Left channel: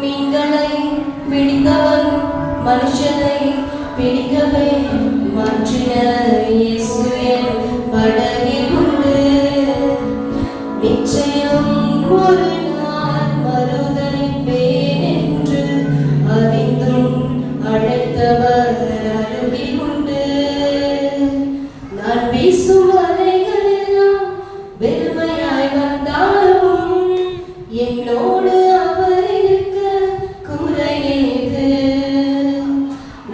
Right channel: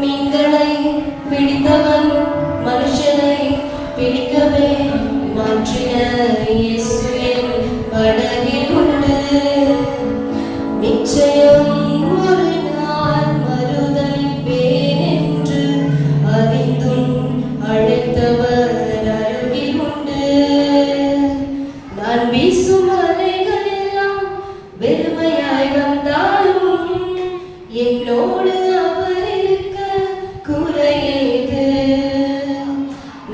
மீன்களை பிடித்தவன் மனுஷனை பிடிக்கவே மாற்றின இயேசு என் படகில் உண்டு. நிச்சயம் ஒரு நாள் மறுதலிப்பேன் என்று அறிந்தும் அழைத்தவர் அருகில் உண்டு. நான் வீசும் அலைகள் எல்லாம் வெறுமையாய் வந்தாலும் என்னோடு அவர் இருக்க குறையேது.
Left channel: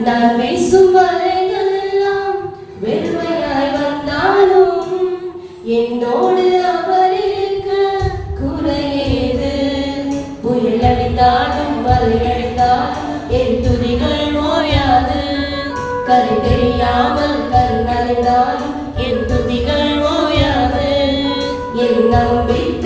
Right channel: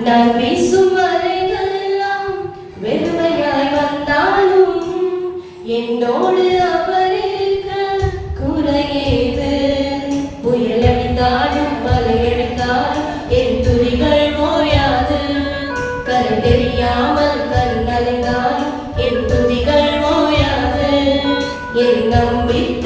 நான் வீசும் அலைகள் எல்லாம் வெறுமையாய் வந்தாலும் என்னோடு அவர் இருக்க குறையேது. புயல் அடித்தாலும் வலை அடித்தாலும் என் துதிகள் ஓயாது. கரை தெரியாமல் கண் அலைந்தாலும் என் துதிகள் ஓயாது. என் நம்பிக்கை